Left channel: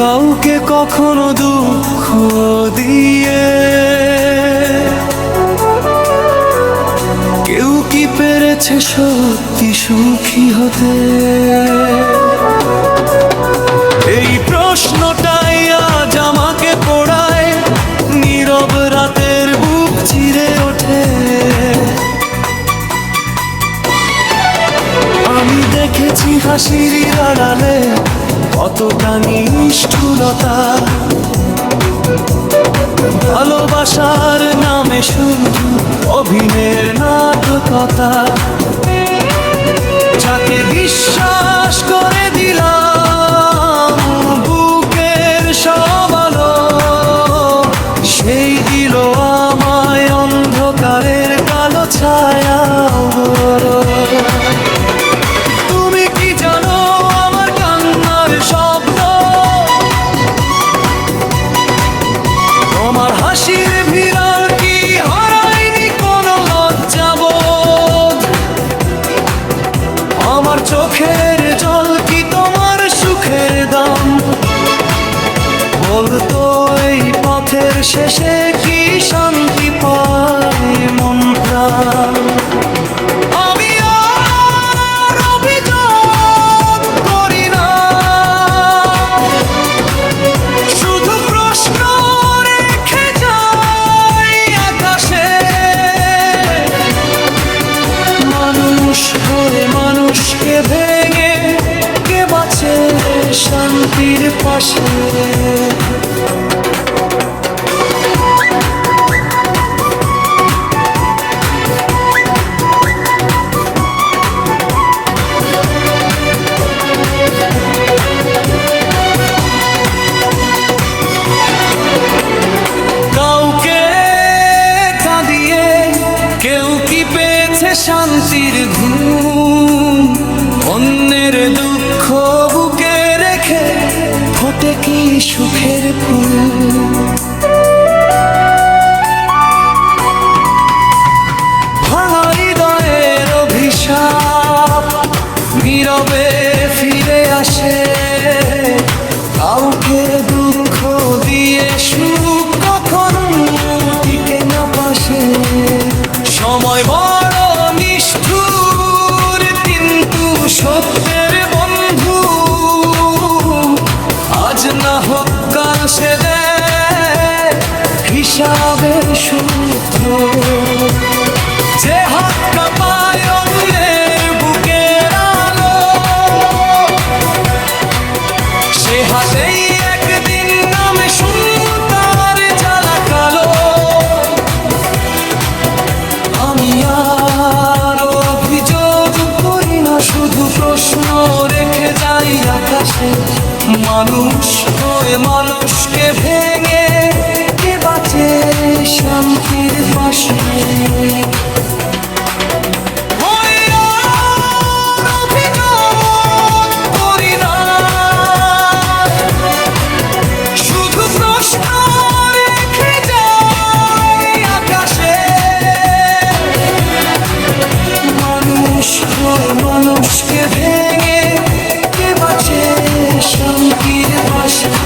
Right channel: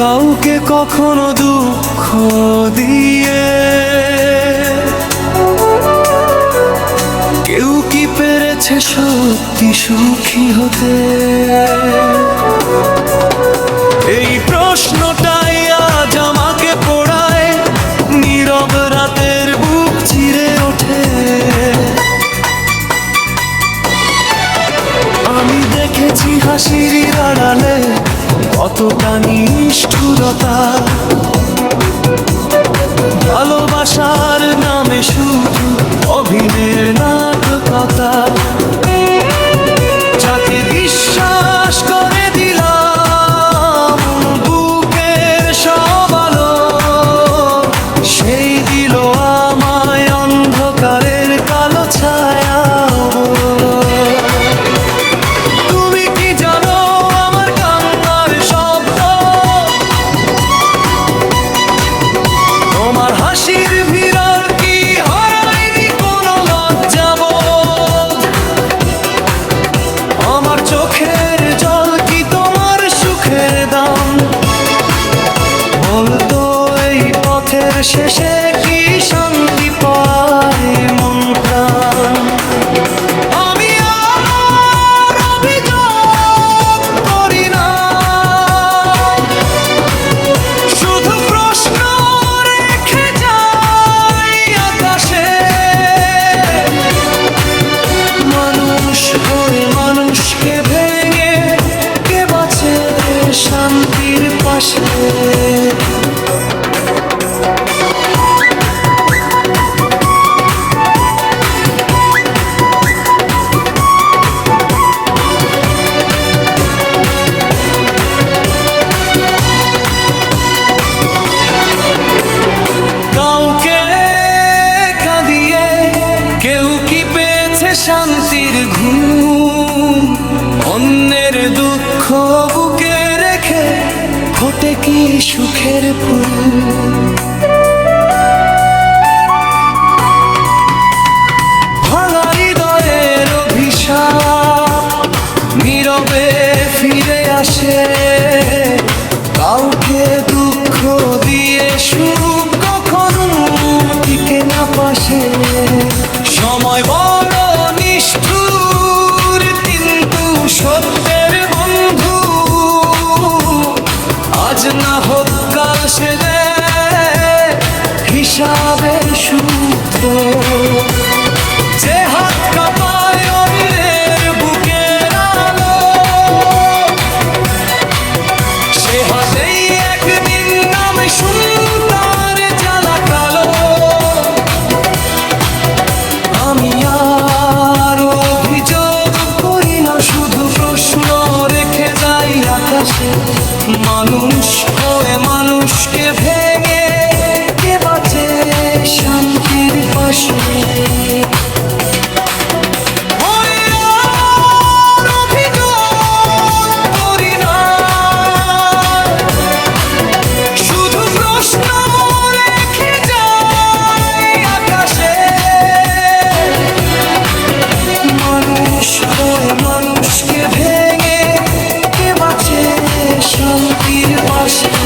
কাউকে কখনো দুঃখ দিয়ে কেউ কি পেরেছে সত্যি সুখী হতে? এই প্রশ্নটাই আজ আমাকে পোড়ায়, নীরব রাতের বুক চিরে ওঠে। আমি দেখেছি হাসির আড়ালে কতটা নিষ্ঠুরতা, ভালোবাসার নামে শুধু অভিনয়ের নাটকতা। যাকে বিশ্বাস করে দিলাম বুকের সব আলো, সেই দিল আমায় অন্ধকারের কালো ছায়া। তুমি কি জানো আমার কান্নার শব্দ, তোমার হাসির ভিড়াল কি হারায়নি কোনো লজ্জাবোধ? আমার চোখের জল কি তোমার সুখের দাম? বলতো এই পথের শেষে কি শান্তি পায় মন প্রাণ? আমি আর অভিযোগ করি না, শুধু প্রশ্ন রেখে যাই আকাশে। মানুষ হয়ে মানুষকে ভেঙে কে বাঁচে শান্তির পাশে? কাউকে কাঁদিয়ে কেউ কি পেয়েছে শান্তির ঘুম? অন্যের দুঃখ বুকে রেখে ফোটে কি সুখের ফুল? ভাঙা হৃদয়ের অভিশাপ নীরবে ফিরে আসে। কাউকে দুঃখ দিয়ে সুখ কখনো টিকে না পাশে। সময় বড় নিষ্ঠুর কিন্তু সত্যের বন্ধু, আজ না হোক কাল সে দেয় হিসাবের সূত্র। যে হাত কাঁপায় অন্যের বুকের আলো, সে হাতেই একদিন নামে শুনতার জ্বালা কালো। আমি আর অভিযোগ করি না, শুধু প্রশ্ন রেখে যাই আকাশে। মানুষ হয়ে মানুষকে ভেঙে কে বাঁচে শান্তির পাশে? মানুষ হয়ে মানুষকে ভেঙে কে বাঁচে শান্তির পাশে?